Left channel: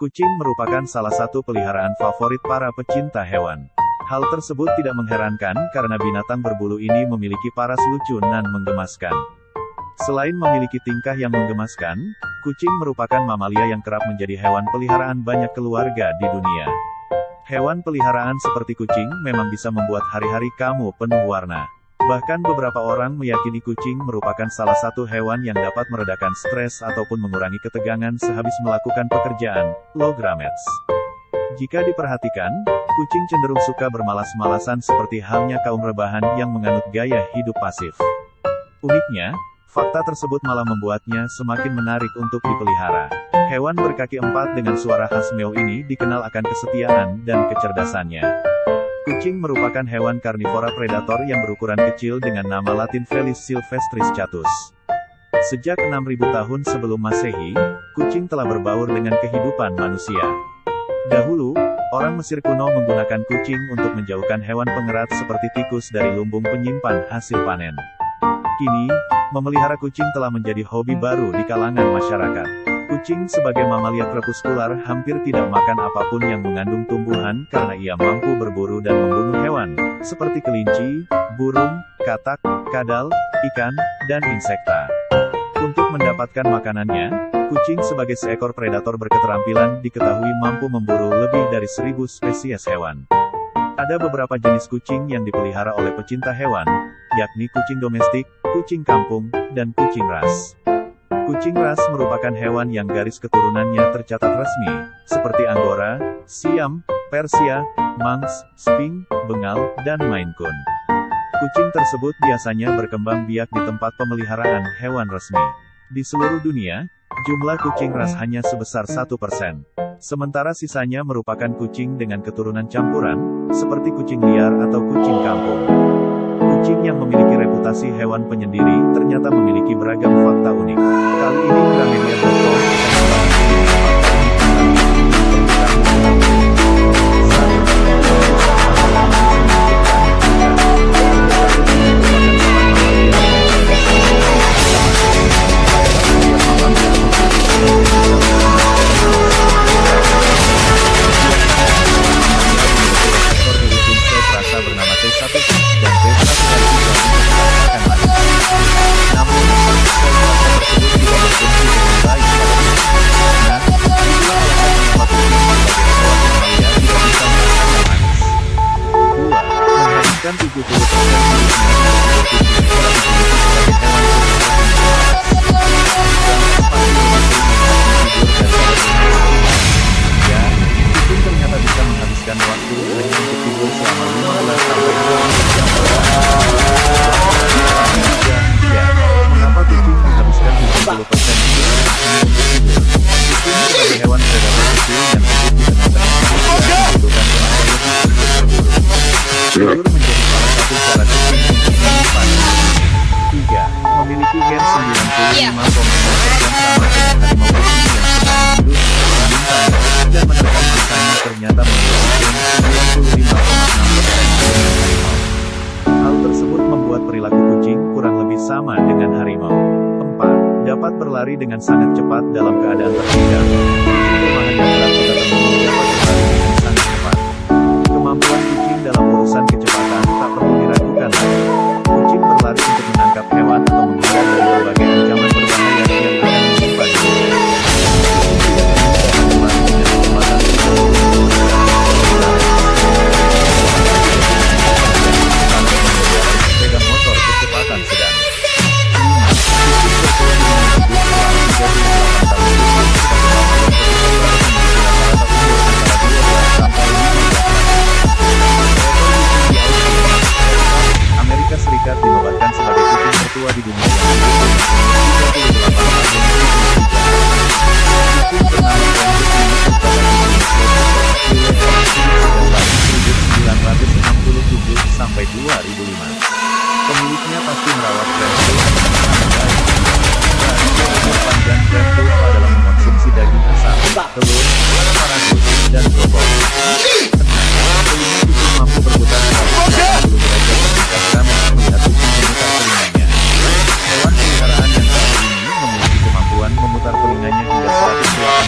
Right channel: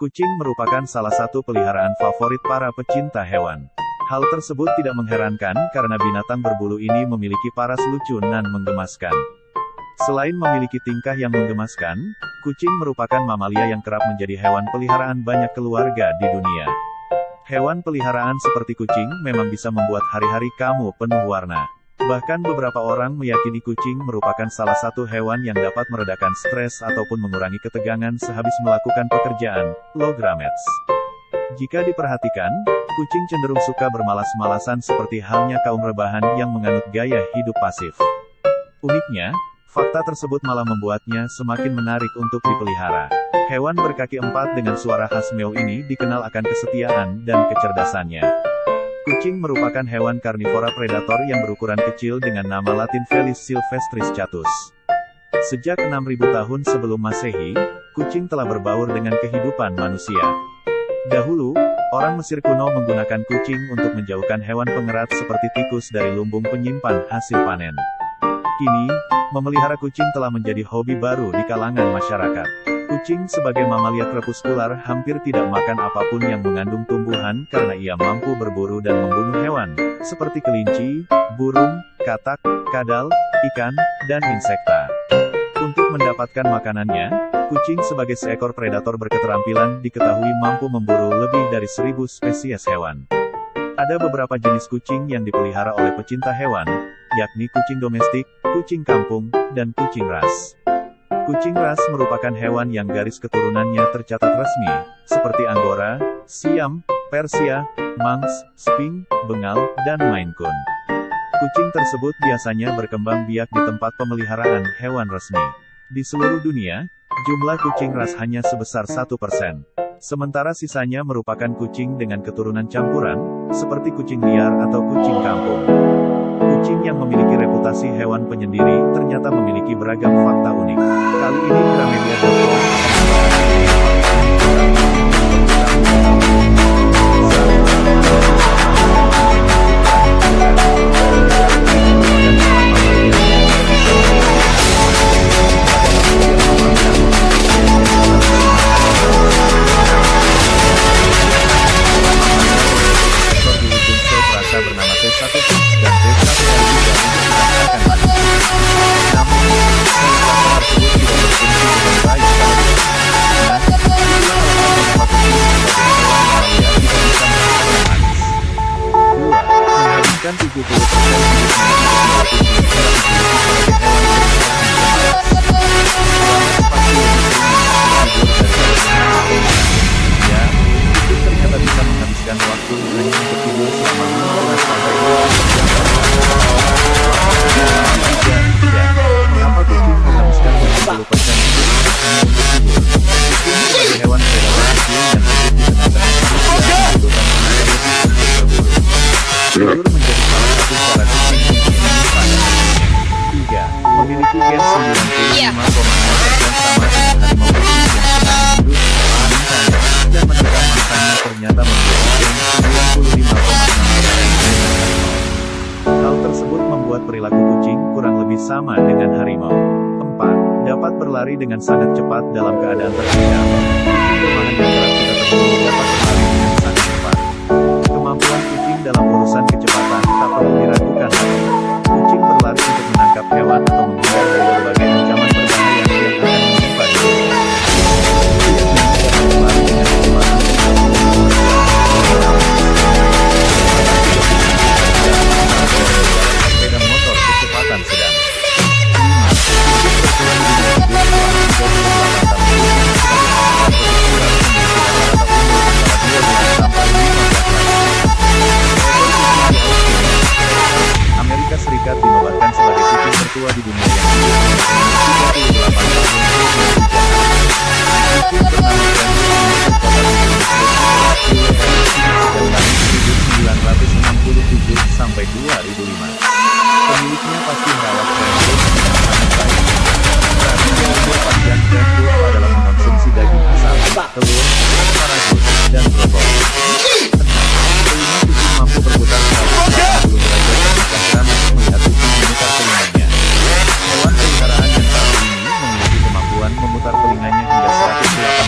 Kucing merupakan salah satu peliharaan favorit para pecinta hewan. Hal tersebut tidak mengherankan karena binatang berbulu ini memiliki paras lucu dan menggemaskan. Selain memiliki tingkah yang menggemaskan, kucing merupakan mamalia yang kerap menjadi hewan peliharaan banyak keluarga di dunia. Hewan peliharaan seperti kucing memang bisa membuat hari-hari kamu penuh warna. Bahkan beberapa orang meyakini kucing merupakan salah satu hewan yang dapat meredakan stres ataupun mengurangi ketegangan sehabis melakukan pekerjaan, logramets. Jika diperhatikan, kucing cenderung suka bermalas-malasan seperti halnya kaum rebahan yang menganut gaya hidup pasif. Uniknya, fakta tersebut malah membuatnya semakin menarik untuk dipelihara. Hewan berkaki empat dengan suara khas meow ini dikenal akan kesetiaan dan kecerdasannya. Kucing merupakan hewan karnivora predator yang berukuran kecil dengan nama latin Felis silvestris catus. Sejak 6.000 tahun sebelum Masehi, kucing telah berbaur dengan kehidupan manusia. Dahulu, orang Mesir kuno menggunakan kucing untuk menjauhkan hewan pengerat seperti tikus dari lumbung penyimpan hasil panen. Kini, memelihara kucing telah menjadi hobi baru di kalangan masyarakat. Kucing sebagai mamalia krepuskular hampir tidak makan apapun yang mengandung tumbuhan karena ia mampu berburu dan membunuh hewan, seperti kelinci, burung, katak, kadal, ikan, dan insekta. Untuk mendapatkan makanannya, kucing sebagai seekor predator berketerampilan diketahui mampu memburu lebih dari 1.000 spesies hewan. Ada beberapa jenis kucing yang dipelihara oleh pecinta hewan, yakni kucing domestik, kucing kampung, dan kucing ras. Kucing ras merupakan hewan yang garis keturunannya tercatat resmi, seperti Angora, Siam, Persia, Manx, Sphinx, Bengal, dan Maine Coon. Kucing tersebut biasanya berkembang biak di tempat pemeliharaan hewan resmi. Di seluruh dunia, jumlah kucing ras hanya sebesar 1%. Sementara sisanya merupakan kucing dengan keturunan campuran, seperti kucing liar atau kucing kampung. Kucing yang memiliki reputasi hewan penyendiri ternyata memiliki beragam fakta unik. Kali ini Gramedia.com akan membahas mengenai fakta unik tentang kucing yang perlu kamu ketahui. 1. Tidak bisa merasakan langsung menunjukkan bukan. Ternyata kucing merupakan hewan mamalia yang tidak bisa mengenali ancaman. Padahal setiap mamalia memiliki gen yang bisa menerima ancaman. Biasanya hewan mamalia memiliki reseptor di ujung sel perasa bernama T1 dan T1R3 untuk merasakan manis. Namun, sel perasa tersebut tidak berfungsi dengan baik pada kucing. Nah, itulah alasan mengapa kucing sebagai hewan mamalia tidak bisa merasakan manis. 2. Menghabiskan 70% hidupnya untuk tidur. Kucing kerap dijuluki sebagai hewan peliharaan pemalas. Gamers pasti lebih sering menikmati tidur daripada bermain. Ya, kucing ternyata bisa menghabiskan waktu hanya untuk tidur selama 15-20 jam per hari. Ya, mengapa kucing menghabiskan 70% hidupnya hanya untuk tidur? Kucing sebagai hewan predator kecil yang hidup di tengah-tengah manusia membutuhkan tenaga lebih untuk berburu. Tidur menjadi salah satu cara kucing untuk menyimpan energinya. 3. Memiliki gen 95,6% sama dengan harimau putih yang senang hidup, menyimpan, dan menerkam mangsanya ternyata memiliki gen 95,6% dengan harimau. Hal tersebut membuat perilaku kucing kurang lebih sama dengan harimau. 4. Dapat berlari dengan sangat cepat dalam keadaan terhadap. Kucing rumahan yang kerap kita temui dapat berlari dengan sangat cepat. Kemampuan kucing dalam urusan kecepatan tak perlu diragukan lagi. Kucing berlari untuk menangkap hewan atau menghindar dari berbagai ancaman berbahaya yang akan menimpa dirinya. Kucing liar ini dapat berlari dengan kecepatan 30 mil per jam. Kecepatan 30 mil per jam, saat mengendarai sepeda motor kecepatan sedang. 5. Kucing bertuan di dunia hidup selama 38 tahun. Kucing sebagai mamalia krepuskular memiliki rata-rata umur antara 12 sampai 15 tahun. Seekor kucing di Austin, Texas, Amerika Serikat dinobatkan sebagai kucing tertua di dunia yang hidup dengan umur 38 tahun 23 hari. Kucing bernama Francis ini tercatat di Guinness World Records sejak tahun 1967 sampai 2005. Pemiliknya pasti merawat Francis dengan sangat baik. Rahasia umur panjang Francis adalah mengonsumsi daging asam, telur, asparagus, dan brokoli. Tenang, telinga kucing mampu berputar 180 derajat ketika Gramedia melihat kucing memutar telinganya. Hewan peliharaan yang satu ini memiliki kemampuan memutar telinganya hingga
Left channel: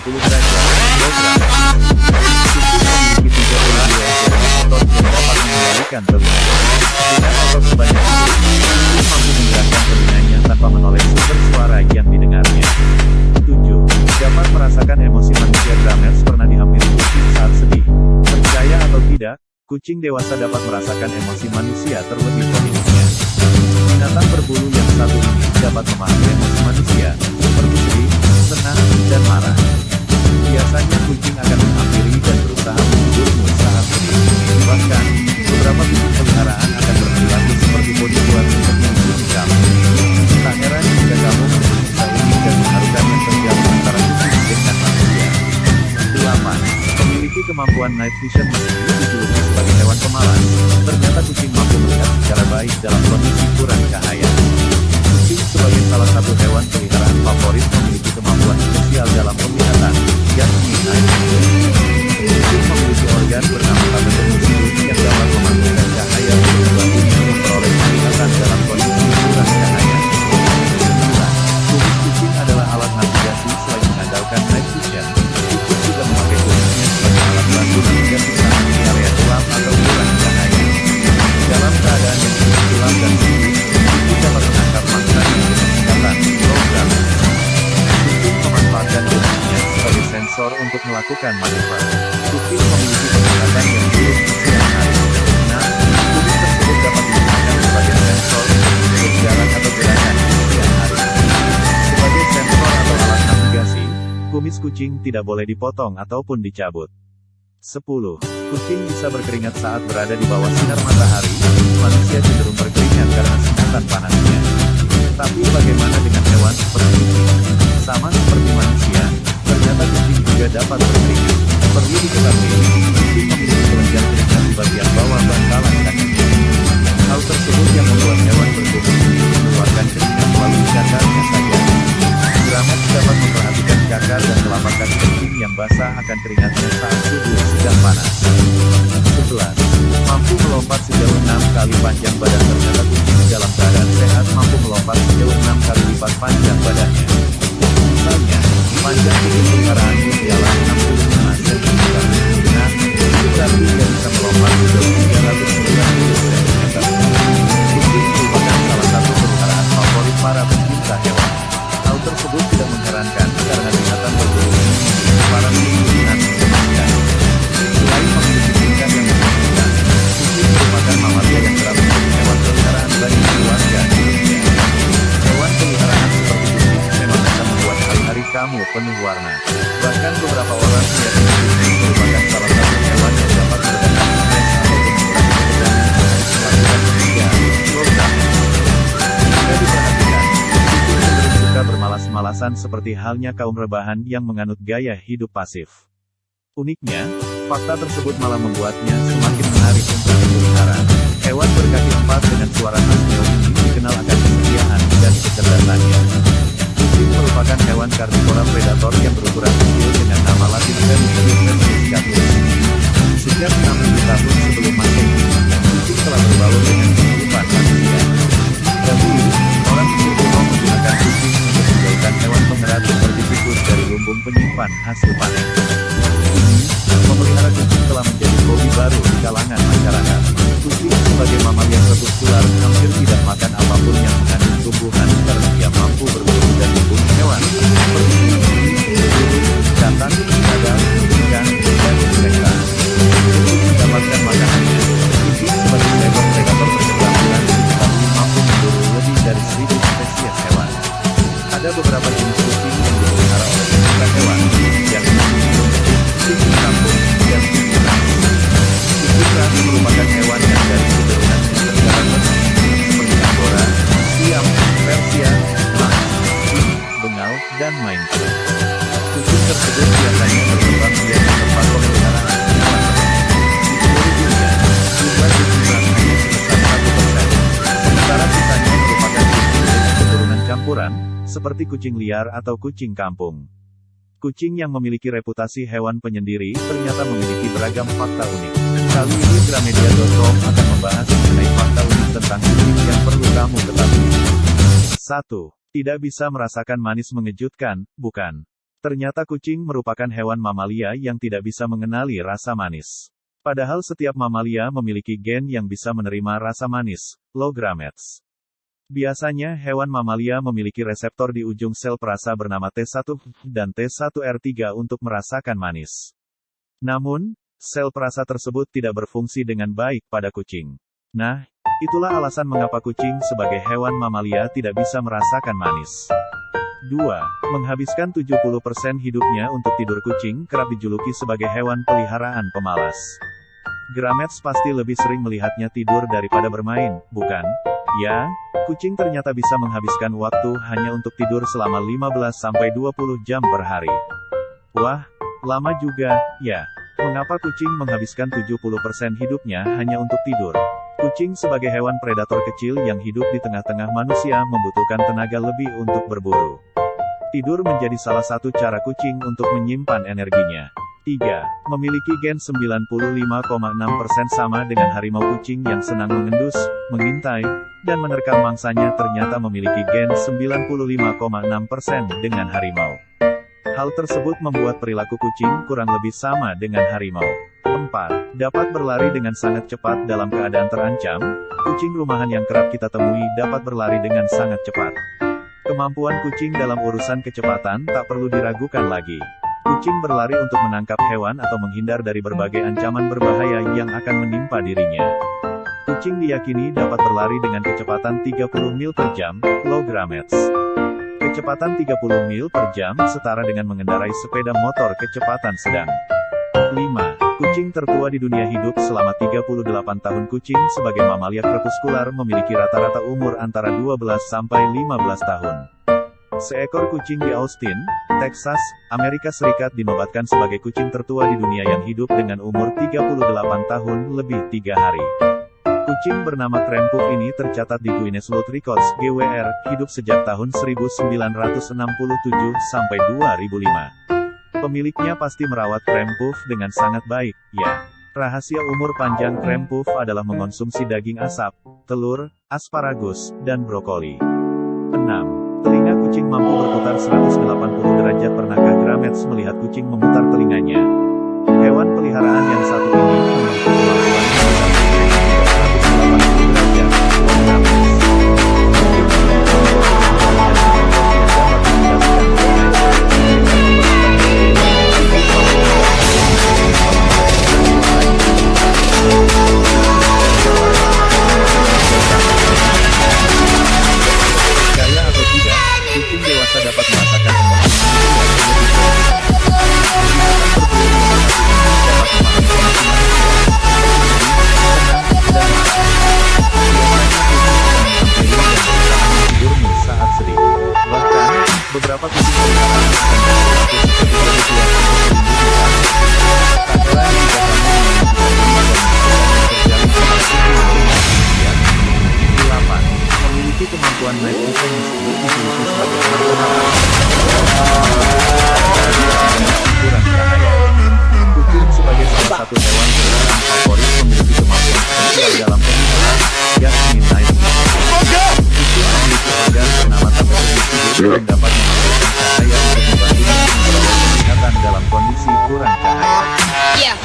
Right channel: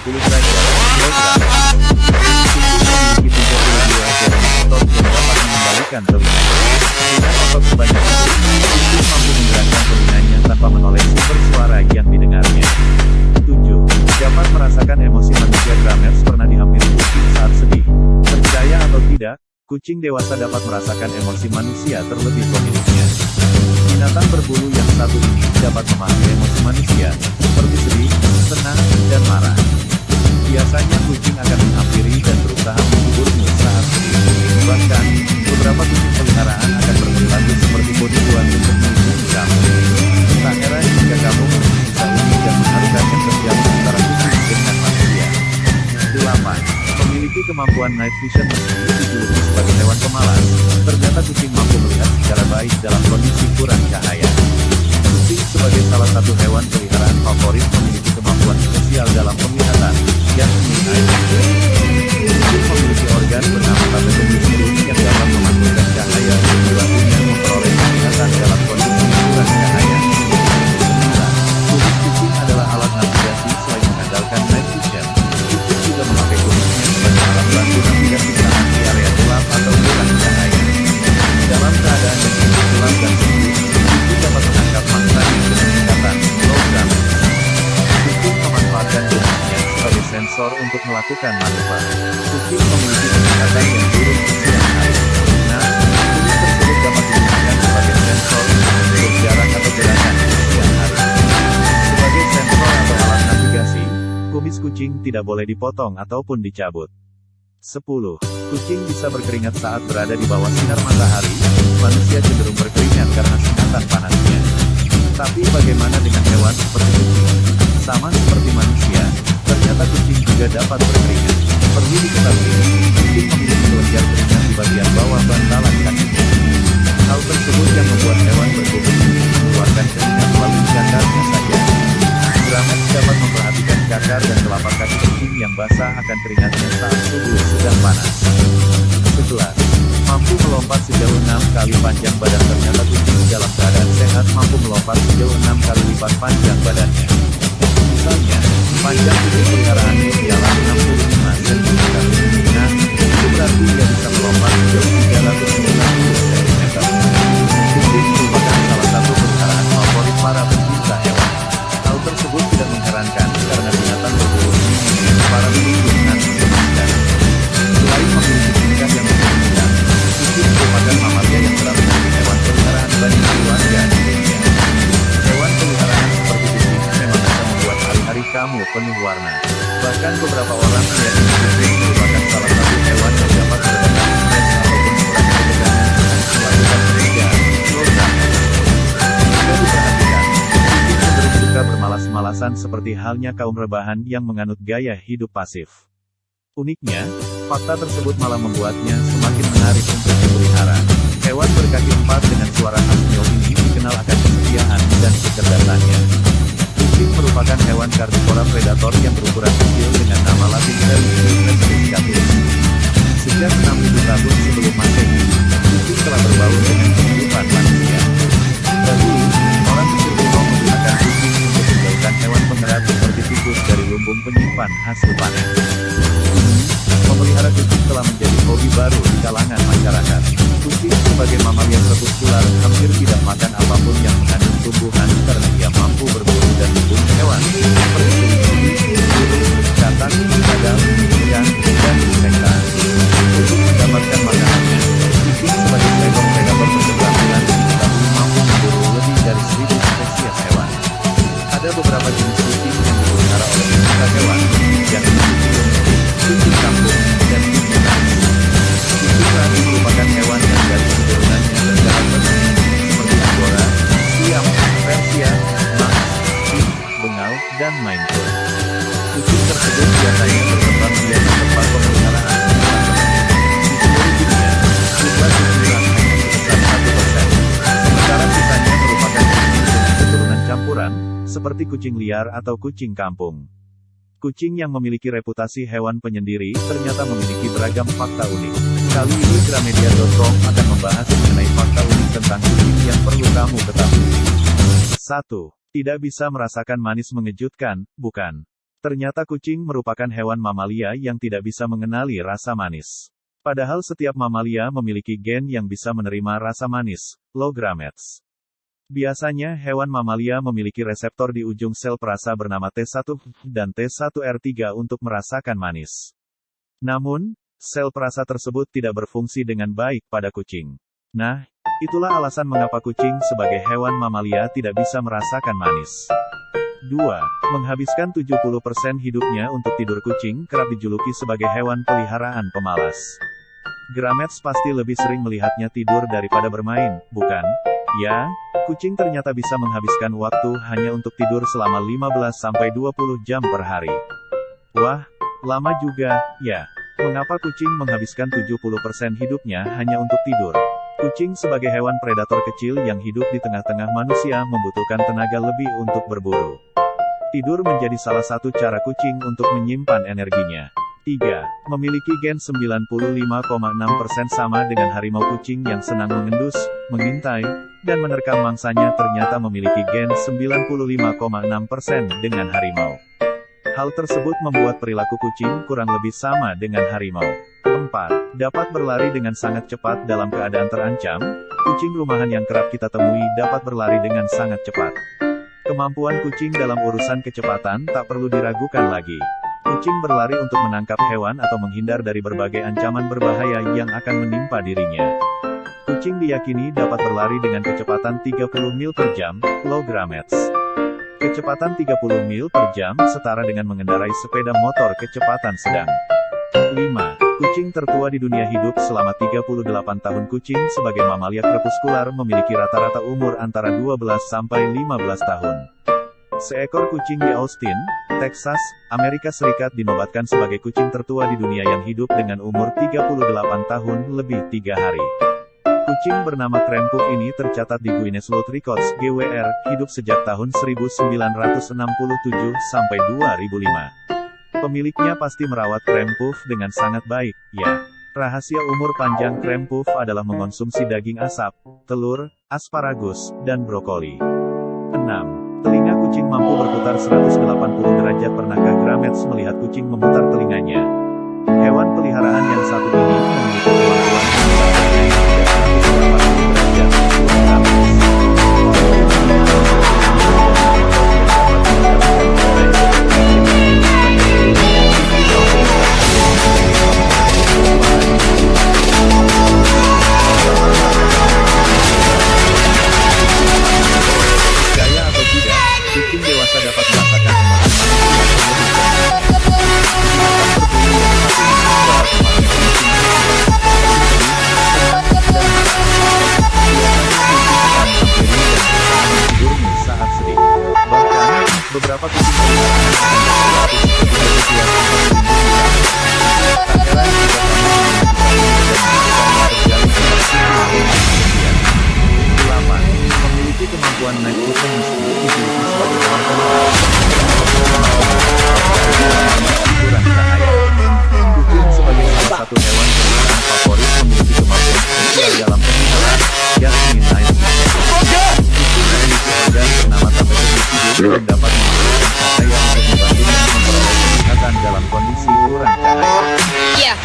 180 derajat. memperhatikan telinganya. Dengan otot sebanyak itu, kucing mampu menggerakkan telinganya tanpa menoleh sumber suara yang didengarnya. 7. Dapat merasakan emosi manusia. Grammars pernah dihampiri kucing saat sedih. Percaya atau tidak, kucing dewasa dapat merasakan emosi manusia terlebih pemiliknya. Binatang berbulu yang satu ini dapat memahami emosi manusia, seperti sedih, senang, dan marah. Biasanya kucing akan menghampiri dan berusaha menghiburmu saat sedih. Bahkan, beberapa kucing peliharaan akan berperilaku seperti bodyguard untuk melindungi kamu. Tak heran jika kamu menemukan kisah unik dan mengharukan yang terjadi antara kucing dengan manusia. 8. Memiliki kemampuan night vision. Meski dijuluki sebagai hewan pemalas, ternyata kucing mampu melihat secara baik dalam kondisi kurang cahaya. Kucing sebagai salah satu hewan peliharaan favorit memiliki kemampuan spesial dalam penglihatan, yakni night vision. Kucing memiliki organ bernama tabetomycin yang dapat memantulkan cahaya untuk membantunya memperoleh penglihatan dalam kondisi kurang cahaya. 9. Kumis kucing adalah alat navigasi. Selain mengandalkan night vision, kucing juga memakai kumisnya sebagai alat bantu navigasi saat di area gelap atau kurang cahaya. Dalam keadaan yang cukup gelap dan sempit, kucing dapat menangkap mangsanya dengan tingkatan logam. Kucing memanfaatkan kumisnya sebagai sensor untuk melakukan manuver. Kucing memiliki penglihatan yang buruk di siang hari. Nah, kumis tersebut dapat digunakan sebagai sensor untuk mengukur jarak atau gerakan di siang hari. Sebagai sensor atau alat navigasi, kumis kucing tidak boleh dipotong ataupun dicabut. 10. Kucing bisa berkeringat saat berada di bawah sinar matahari. Manusia cenderung berkeringat karena singatan panasnya. Tapi bagaimana dengan hewan seperti kucing? Sama seperti manusia, ternyata kucing juga dapat berkeringat. Perlu diketahui, kucing memiliki kelenjar keringat di bagian bawah bantalan kakinya. Hal tersebut yang membuat hewan berkumis ini mengeluarkan keringat melalui cakarnya saja. Grammars dapat memperhatikan cakar dan telapak kaki kucing yang basah akan keringatnya saat suhu sedang panas. 11. Mampu melompat sejauh 6 kali panjang badan. Ternyata kucing dalam keadaan sehat mampu melompat sejauh 6 kali lipat panjang badannya. Misalnya, panjang kucing peliharaanmu ialah 65 cm. Nah, itu berarti ia bisa melompat sejauh 390 cm. Kucing merupakan salah satu peliharaan favorit para pencinta hewan. Hal tersebut tidak mengherankan karena binatang berbulu ini memiliki para pemilik dan menggemaskan. Selain memiliki tingkah yang mengemaskan, kucing merupakan mamalia yang kerap menjadi hewan peliharaan banyak keluarga di dunia. Hewan peliharaan seperti kucing memang bisa membuat hari-hari kamu penuh warna. Bahkan beberapa orang meyakini kucing merupakan salah satu hewan yang dapat meredakan stres ataupun mengurangi ketegangan saat melakukan pekerjaan. Jika diperhatikan, kucing cenderung suka bermalas-malasan seperti halnya kaum rebahan yang menganut gaya hidup pasif. Uniknya, fakta tersebut malah membuatnya semakin menarik untuk dipelihara. Hewan berkaki 4 dengan suara khas meow ini dikenal akan kesetiaan dan kecerdasannya. Kucing merupakan hewan karnivora predator yang berukuran kecil dengan nama latin Felis silvestris. Sejak 6.000 tahun sebelum Masehi, kucing telah berbaur dengan kehidupan manusia. Dahulu, orang Mesir kuno menggunakan kucing untuk menjauhkan hewan pengerat seperti tikus dari lumbung penyimpan hasil panen. Memelihara kucing telah menjadi hobi baru di kalangan masyarakat. Kucing sebagai mamalia crepuscular hampir tidak makan apapun yang mengandung tumbuhan karena ia mampu berburu dan membunuh hewan seperti burung, katak, kadal, ikan, dan insekta. Untuk mendapatkan makanannya, kucing sebagai seekor predator berketerampilan diketahui mampu memburu lebih dari 1.000 spesies hewan. Ada beberapa jenis kucing yang dipelihara oleh pecinta hewan, yakni kucing domestik, kucing kampung, dan kucing ras. Kucing ras merupakan hewan yang dari keturunannya terdapat seperti Angora, Siam, Persia, Manx, Pink, Bengal, dan Maine Coon. Kucing tersebut biasanya berkembang biak di tempat pemeliharaan hewan tertentu. Di seluruh dunia, jumlah kucing ras hanya sebesar 1%. Sementara sisanya merupakan kucing dengan keturunan campuran, seperti kucing liar atau kucing kampung. Kucing yang memiliki reputasi hewan penyendiri ternyata memiliki beragam fakta unik. Kali ini Gramedia.com akan membahas mengenai fakta unik tentang kucing yang perlu kamu ketahui. 1. Tidak bisa merasakan manis. Mengejutkan, bukan? Ternyata kucing merupakan hewan mamalia yang tidak bisa mengenali rasa manis. Padahal setiap mamalia memiliki gen yang bisa menerima rasa manis, low gametes. Biasanya hewan mamalia memiliki reseptor di ujung sel perasa bernama T1 dan T1R3 untuk merasakan manis. Namun, sel perasa tersebut tidak berfungsi dengan baik pada kucing. Nah, itulah alasan mengapa kucing sebagai hewan mamalia tidak bisa merasakan manis. 2. Menghabiskan 70% hidupnya untuk tidur. Kucing kerap dijuluki sebagai hewan peliharaan pemalas. Gametes pasti lebih sering melihatnya tidur daripada bermain, bukan? Ya, kucing ternyata bisa menghabiskan waktu hanya untuk tidur selama 15-20 jam per hari. Wah, lama juga, ya. Mengapa kucing menghabiskan 70% hidupnya hanya untuk tidur? Kucing sebagai hewan predator kecil yang hidup di tengah-tengah manusia membutuhkan tenaga lebih untuk berburu. Tidur menjadi salah satu cara kucing untuk menyimpan energinya. 3. Memiliki gen 95,6% sama dengan harimau. Kucing yang senang mengendus, mengintai, dan menerkam mangsanya ternyata memiliki gen 95,6% dengan harimau. Hal tersebut membuat perilaku kucing kurang lebih sama dengan harimau. 4. Dapat berlari dengan sangat cepat dalam keadaan terancam. Kucing rumahan yang kerap kita temui dapat berlari dengan sangat cepat. Kemampuan kucing dalam urusan kecepatan tak perlu diragukan lagi. Kucing berlari untuk menangkap hewan atau menghindar dari berbagai ancaman berbahaya yang akan menimpa dirinya. Kucing diyakini dapat berlari dengan kecepatan 30 mil per jam, low gametes. Kecepatan 30 mil per jam setara dengan mengendarai sepeda motor kecepatan sedang. 5. Kucing tertua di dunia hidup selama 38 tahun. Kucing sebagai mamalia krepuskular memiliki rata-rata umur antara 12-15 tahun. Seekor kucing di Austin, Texas, Amerika Serikat dinobatkan sebagai kucing tertua di dunia yang hidup dengan umur 38 tahun lebih 3 hari. Kucing bernama Krempuf ini tercatat di Guinness World Records (GWR), hidup sejak tahun 1967 sampai 2005. Pemiliknya pasti merawat Krempuf dengan sangat baik, ya. Rahasia umur panjang Krempuf adalah mengonsumsi daging asap, telur, asparagus, dan brokoli. 6. Telinga kucing mampu berputar 180 derajat. Pernahkah gametes melihat kucing memutar telinganya? Hewan peliharaan yang satu ini memiliki kemampuan memutar telinganya hingga 180 derajat, low gametes. Kucing memiliki 30 derajat dan otot yang dapat mengendalikan badannya. Dengan otot sebanyak ini, kucing mampu menggerakkan tubuhnya tanpa menghasilkan suara yang dapat merasakan percaya atau tidak, kucing dewasa dapat merasakan emosi manusia terlebih dahulu. Binatang berbulu yang satu ini dapat memahami emosi manusia, seperti sedih, senang, dan marah. Biasanya kucing akan menghampiri dan berusaha menghiburmu saat sedih. Bahkan, beberapa kucing peliharaan akan berperilaku seperti jadi kuat untuk melindungi kamu. Tak heran jika kamu memiliki ini dan melakukannya terjalin antara kucing dengan manusia. 8. Memiliki kemampuan night vision. Meski dijuluki sebagai hewan pemalas, kurang cahaya. Kucing sebagai salah satu hewan peliharaan favorit memiliki kemampuan spesial dalam pemeliharaan, yakni night vision. Kucing memiliki organ bernama tapetum tidur yang dapat menghasilkan cahaya untuk membantunya memperoleh penglihatan dalam kondisi kurang cahaya. 9.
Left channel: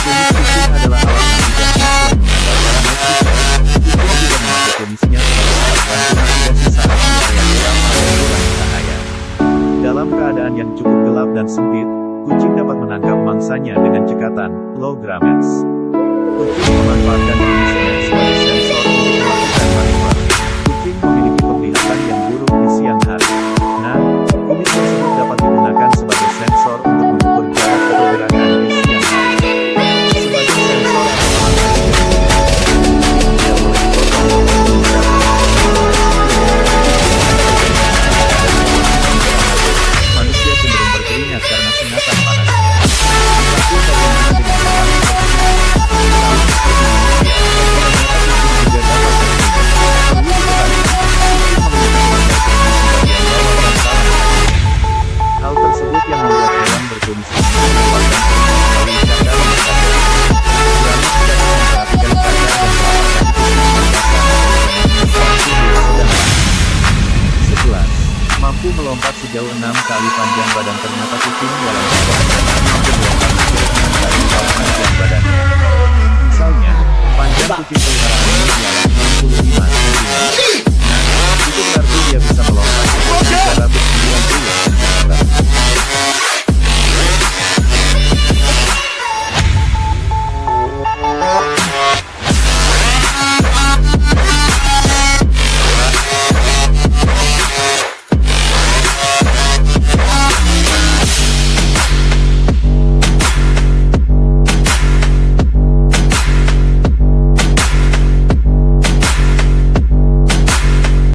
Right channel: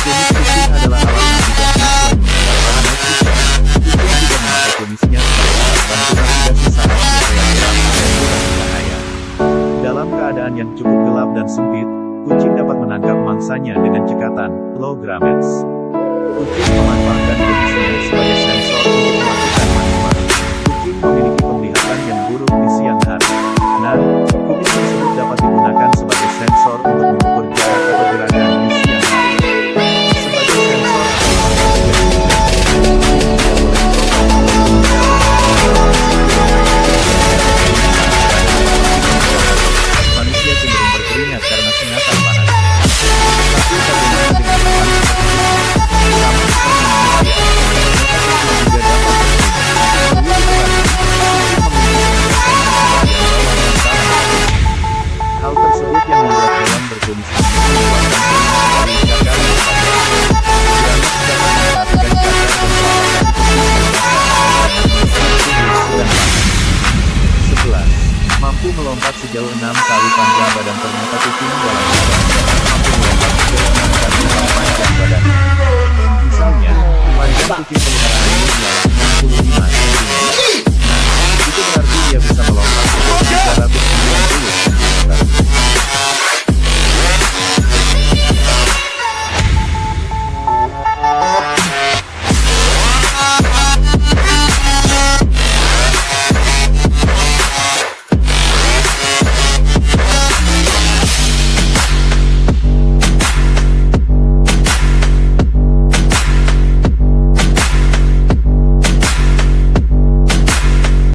Kumis kucing adalah alat navigasi. Selain mengandalkan night vision, kucing juga memakai kumisnya sebagai alat bantu navigasi saat di area gelap atau kurang cahaya. Dalam keadaan yang cukup gelap dan sempit, kucing dapat menangkap mangsanya dengan cekatan, low gametes. Kucing memanfaatkan kumisnya sebagai sensor untuk melakukan manuver. Kucing memiliki penglihatan yang buruk di siang hari. Nah, kumis tersebut dapat digunakan sebagai sensor untuk mengukur jarak atau gerakan di siang hari. Sebagai sensor atau alat navigasi, kucing tidak boleh dipotong ataupun dicabut. Manusia cenderung berkeringat karena sengatan panasnya. Tapi bagaimana dengan hewan seperti kucing? Sama seperti manusia, ternyata kucing juga dapat berkeringat. Perlu diketahui, kucing memiliki kelenjar keringat di bagian bawah bantalan kakinya. Hal tersebut yang membuat hewan berkumis ini mengeluarkan keringat melalui cakar yang tajam. Gametes dapat memperhatikan cakar dan telapak kaki kucing yang basah dan keringatnya saat tubuh sedang panas. 11. Mampu melompat sejauh 6 kali panjang badan. Ternyata kucing dalam keadaan sehat mampu melompat sejauh 6 kali lipat panjang badannya. kucing peliharaan ini ialah